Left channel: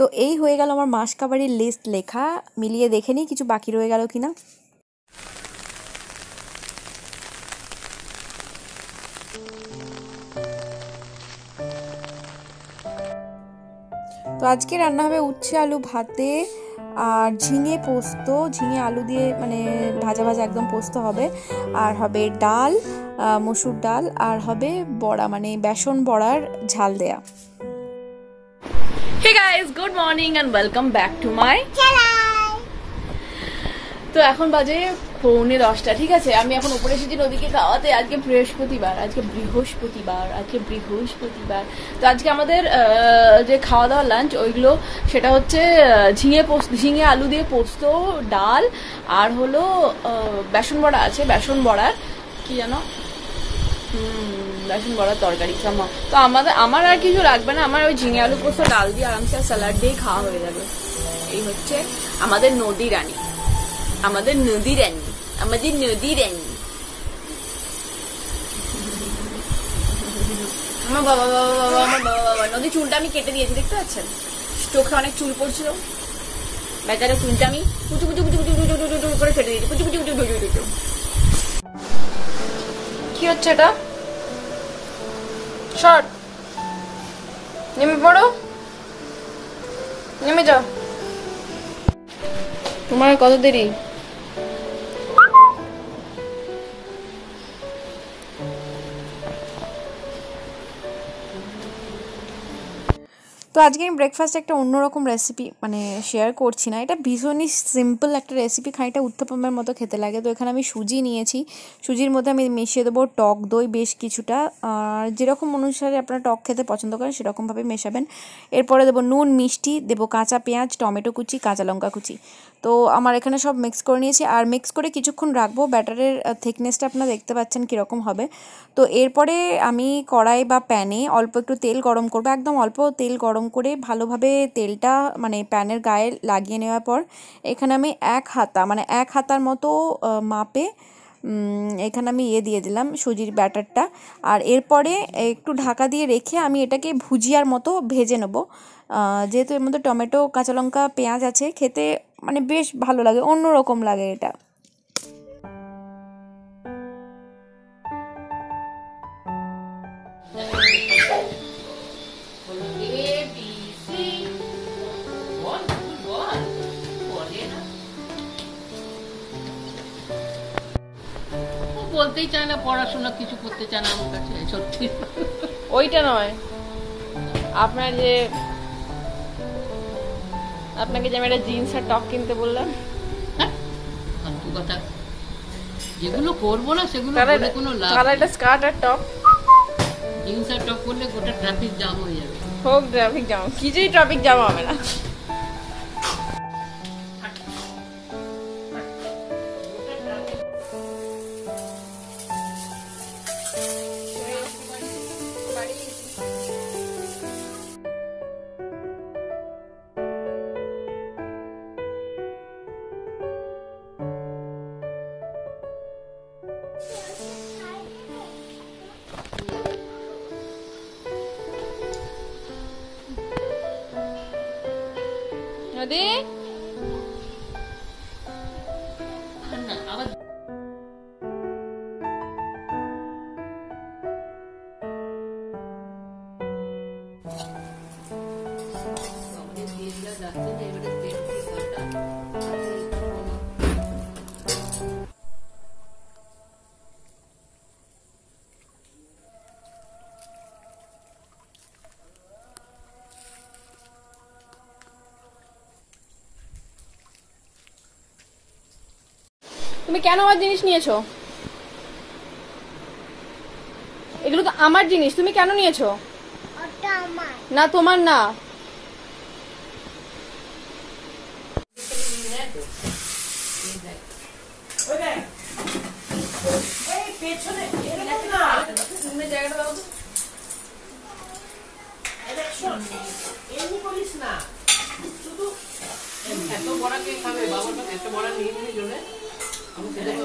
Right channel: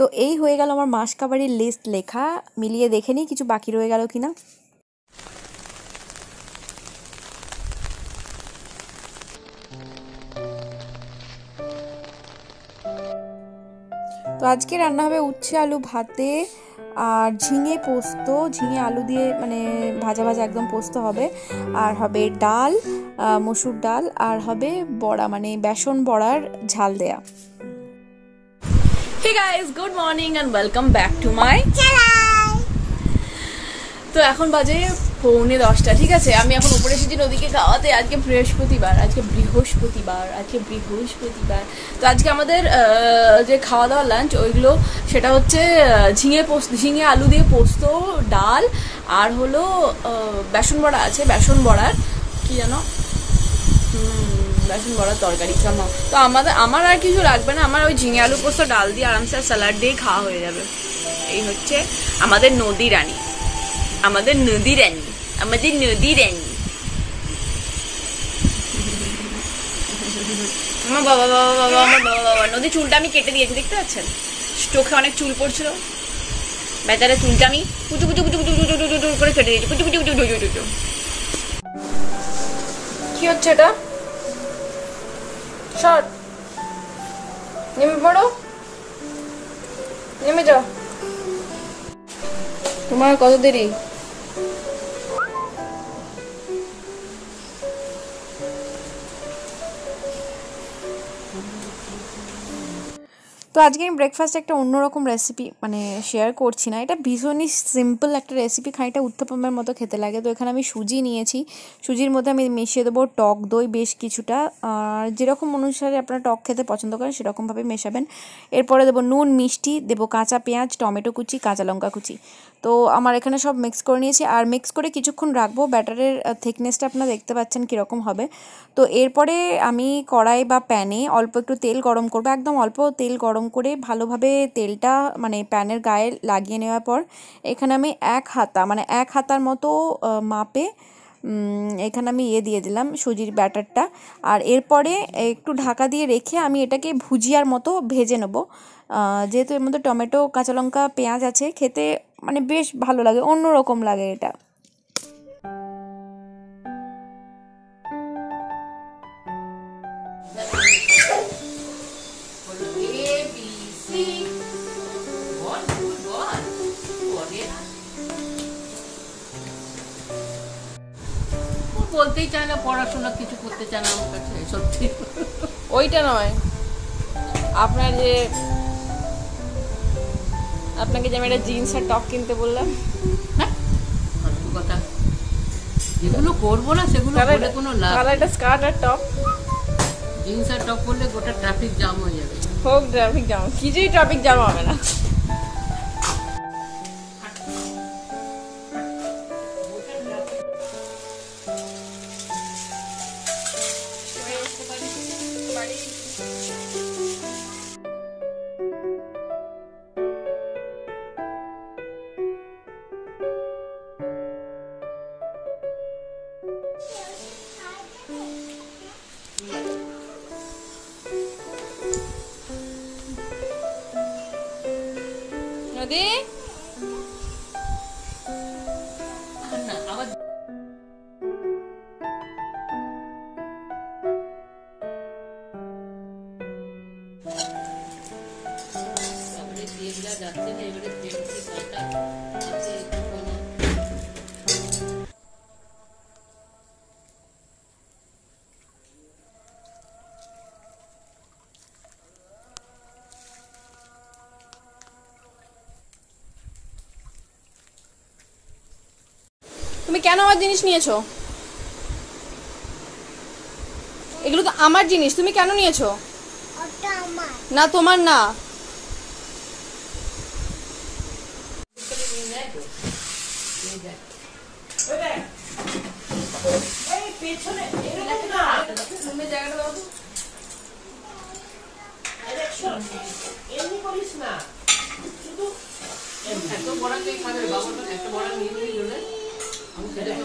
তো এই হয়ে গেল আমার মাসকাবারির লিস্ট লেখা। মিলিয়ে দেখে নিই কিছু বাকি রয়ে গেল কিনা। তো আজকে রান্না হবে উচ্ছে আলু ভাতে আর ঝিঙে পোস্ত, ঝিঙে আলু দিয়ে মানে ভাজা ভাজা একদম পোস্ত হবে। আর হবে ডাল, মসুর ডাল, আর হবে বড়া মানে বেসন বড়ার ঝাল দেয়া। Hey guys, good morning and welcome back to my channel. তো এখন বাজে 9:45, ঠিক আছে। আমি এখন উপরে এসেছি নদীকে খাওয়াতে। আজকে বৃহস্পতিবার, তো আজকে আমাদের যে খাওয়া দাওয়া লাঞ্চ ওইগুলো সেটা হচ্ছে ঝিঙে আলু দিয়ে পোস্ত, ডাল, আর হলো বেসন বড়া আছে, বেসন বড়ার কি জানো বেসন বড়ার তরকারি চামা। তো আমার আর কিছু লাগবে না, আমার ওই ঝিঙে আলু পোস্ত ডাল দিয়ে আরামসে স্যালাড দিয়ে খাওয়া হয়ে যাবে। এই হচ্ছে আমাদের নদী রানী। আমার বাবা নদী চুলটা আমি কেটে দিয়েছি, দেখতে পাচ্ছেন? চোখে অনেক চুল পড়ছিল, বেচারা চুলটা আমি কুচু কুচু কুচু কুচু কুচু কুচু করে কেটে দিয়েছি। কুচু কুচু কুচু কুচু কুচু। কি হচ্ছে এটা? শর্ট নেমে পড়ো, নেমে যাও। তোমার কত দেরি? তো আজকে আমি ব্রেকফাস্টে একটা অন্যরকম রেসিপি মানে শেয়ার করছি না, এটা ভীষণই সিম্পল একটা রেসিপি, খানিকটা উত্তপমের মতো খেতে লাগে। তো এখানে আমি সুজি নিয়েছি, সুজির মধ্যে আমি মিশিয়ে দেবো টক দই বেশ কিছুটা, আর যেরকম অনুসারে আপনারা টক খেতে পছন্দ করেন সেরকমভাবে মেশাবেন। এরপরে দেবো নুন, মিষ্টি, দেবো কাঁচা পেঁয়াজ, টমেটো কুচি, কাঁচা লঙ্কা কুচি। তো আমার এখানে সব মিক্স করে নিয়েছি, আর মিক্স করে কিছুক্ষণ রাখবো। ব্যাটারের থিকনেসটা আপনারা দেখতে পাচ্ছেন কীরকম হবে। তো এরপরে আমি কড়াই বা প্যানে অল্প একটু তেল গরম করবো, একদম অল্প তেল গরম করে ভালোভাবে তেলটা মানে প্যানের গায়ে লাগিয়ে নেওয়ার পর এখানে আমি এক হাতার মতো মাপে এখানে আমি দিয়ে দিলাম সুজির ব্যাটারটা। আর এরপরে একটু ঢাকা দিয়ে রেখে আমি এটাকে ভুজিয়ার মতো ভেজে নেব। যেহেতু এর মধ্যে টমেটো, কাঁচা লঙ্কা, পেঁয়াজ আছে, খেতে মানে বেশ ভালো লাগে, অন্যরকম লাগে এটা। বলতেই চায় না, পড়াশোনা কিছু করতে চায় না আমার কাছে, সত্যি। ওইটা নয়, আপনাকে যে আমি একটা জিন্স আর টপ কিনতে বললাম, ফালতু কথা। যেগুলো করবো না সেগুলো বলে কোনো লাভ নেই। একটা স্কার্ট আর টপ, জিন্স আর টপ করলে গোটা ট্রাফিক জ্যাম হয়ে যাবে। হোক ট্রাফিক জ্যাম, কিছুই ট্রাফিক জ্যাম হবে না। নদী যাচ্ছে না, এবারে তুমি কেন আমার জিনিস নিয়েছো? এগুলো তো আমার জিনিস, তুমি কেন নিয়েছো? না তোমার না। এত বড় কে খাবে? বাবা এত বড় নিয়ে নিয়ে জন্য আমি সেটা তো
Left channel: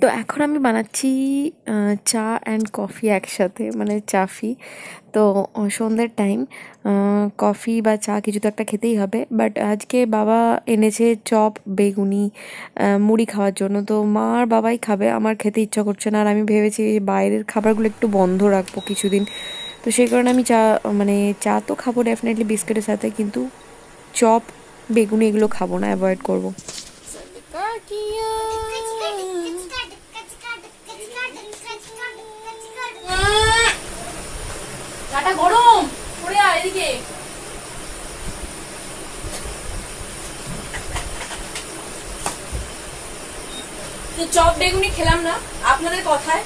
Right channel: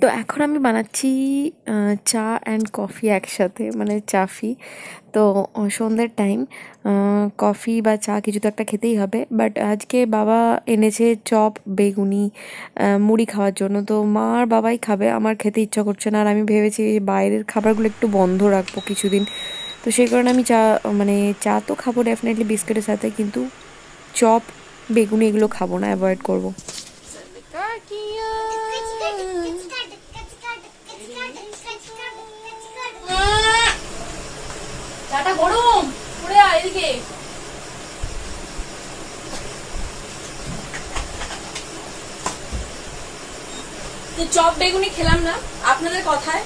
তো এখন আমি বানাচ্ছি চা অ্যান্ড কফি একসাথে, মানে চাফি। তো সন্ধ্যের টাইম, কফি বা চা কিছু তো একটা খেতেই হবে। বাট আজকে বাবা এনেছে চপ, বেগুনি, মুড়ি খাওয়ার জন্য। তো মা আর বাবাই খাবে, আমার খেতে ইচ্ছা করছে না। আর আমি ভেবেছি বাইরের খাবারগুলো একটু বন্ধ রাখবো কিছুদিন। তো সেই কারণে আমি মানে চা তো খাবো ডেফিনেটলি বিস্কুটের সাথে, কিন্তু চপ, বেগুনি এগুলো খাবো না, অ্যাভয়েড করবো। চাটা গরম পড়ে আয় এদিকে। তো চপ বেগুনি খেলাম না আপনাদের কথায়,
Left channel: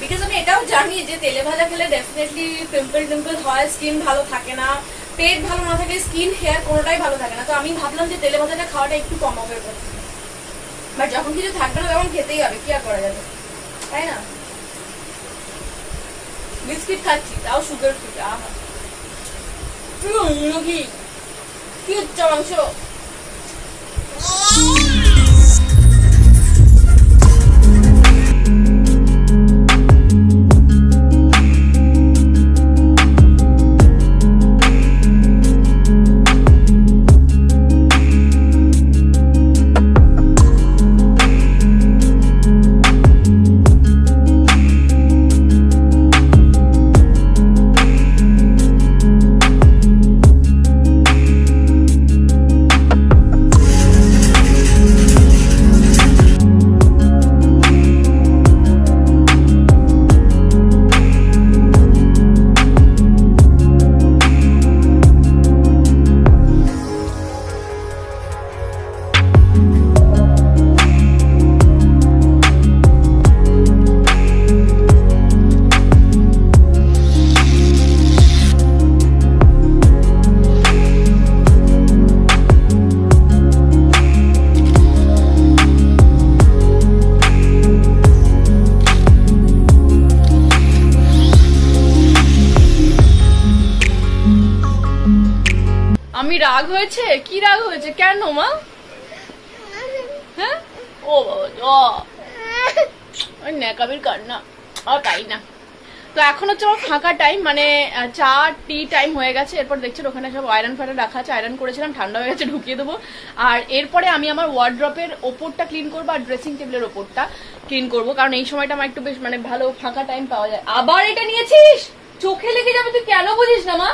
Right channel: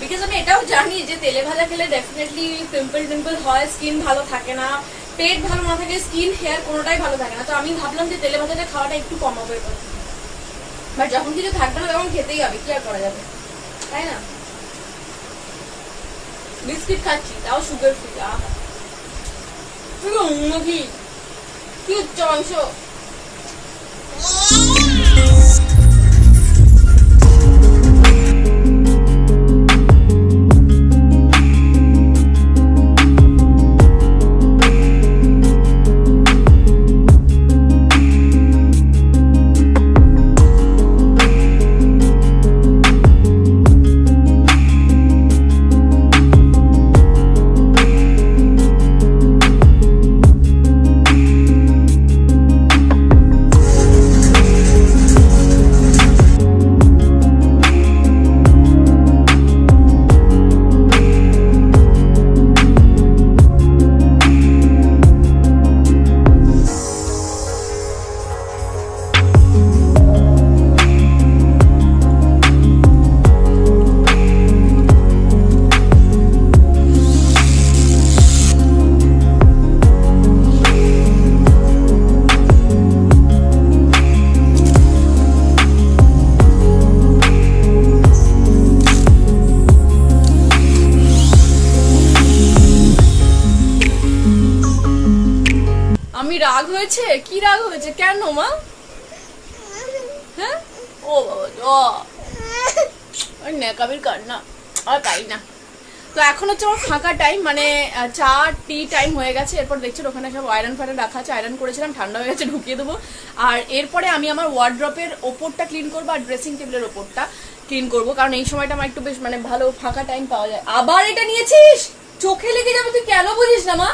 বিকজ আমি এটাও জানি যে তেলে ভাজা খেলে ডেফিনেটলি পিম্পল টিম্পল হয়, স্কিন ভালো থাকে না, পেট ভালো না থাকে, স্কিন হেয়ার কোনোটাই ভালো থাকে না। তো আমি ভাবলাম যে তেলে ভাজাটা খাওয়াটা একটু কমাবে, বাট যখন কিছু থাকবে না তখন খেতেই হবে, কি আর করা যাবে, তাই না? বিস্কিট খাচ্ছি, তাও সুগার ফ্রি। কি উচ্চ অংশ। আমি রাগ হয়েছে? কি রাগ হয়েছে? কেন মা? হ্যাঁ, ও বাবা নেকাবির কান্না আর পাই না। তো এখন হচ্ছে আমার ফাঁকা টাইম, মানে চা টি টাইম হয়ে গেছে। এরপর দেখছেন ওখানে সব আয়রন ফায়রন রাখা আছে, আয়রন করেছিলাম, ঠান্ডা হয়ে গেছে, ঢুকিয়ে দেবো। আর এরপরে আমি আমার ওয়ার্ড্রপের ওপরটা ক্লিন করবো আর ড্রেসিং টেবিলের ওপরটা ক্লিন করবো, কারণ এই সময়টা আমার একটু বেশ মানে ভালো ফাঁকা টাইম পাওয়া যায়। আবার এটা নিয়েছিস? চোখে লেগে যাবে, তুই কেন বুঝিস না মা?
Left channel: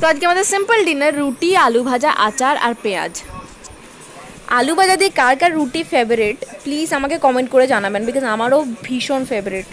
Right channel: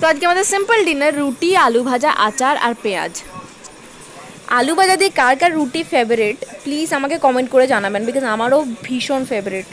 তো আজকে আমাদের সিম্পল ডিনার, রুটি, আলু ভাজা, আচার আর পেঁয়াজ। আলু ভাজা দিয়ে কার কার রুটি ফেভারিট প্লিজ আমাকে কমেন্ট করে জানাবেন, বিকজ আমারও ভীষণ favourite.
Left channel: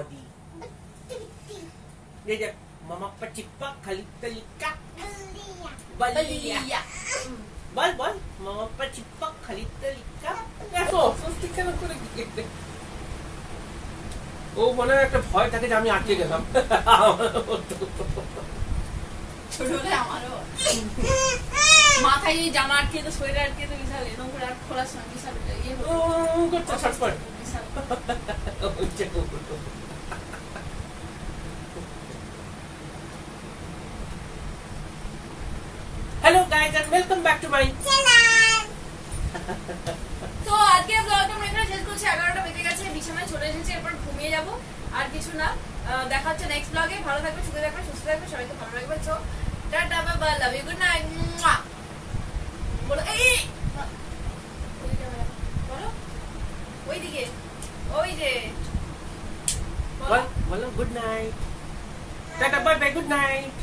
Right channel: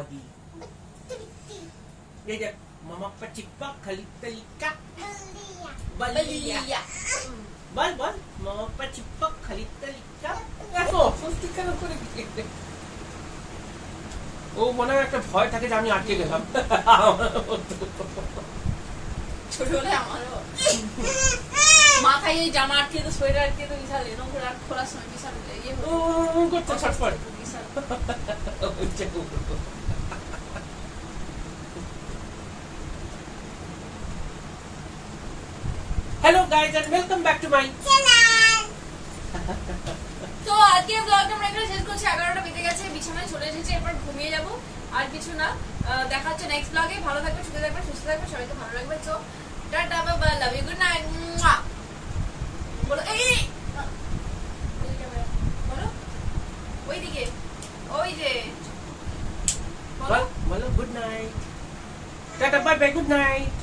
body. Dia mama kecipak kali telika. Balia. Bal mama kecipak kali telika. Ya তো সস্তি কেন করে দিতে ও মনে একটা ভয় থাকে যে আমি আটকে গেলাম ছোটবেলায় আমারও মাথায় এই জামা আটকে তো সোয়েটার আটকে তো বিশাল নোংরা আর খোলার সময় বিশাল ইয়ে ও করতে ছটফট বিশাল Hello guys and welcome back to my channel. তো আজকে ব্লগটা আমরা এখানে শেষ করছি। 11টা বেজে গেছে, বিছানায় চলে এসেছি, এরপর ঘুমিয়ে যাব আর কিছু না। দেখা হচ্ছে নেক্সট ব্লগে। ভালো থাকবে, সুস্থ থাকবে, সবাইকে ভালো রাখবে। So tata bye bye, love you, good night. বলো এই বলো ওইদিকে ওই যে বলো good night tata bye bye good night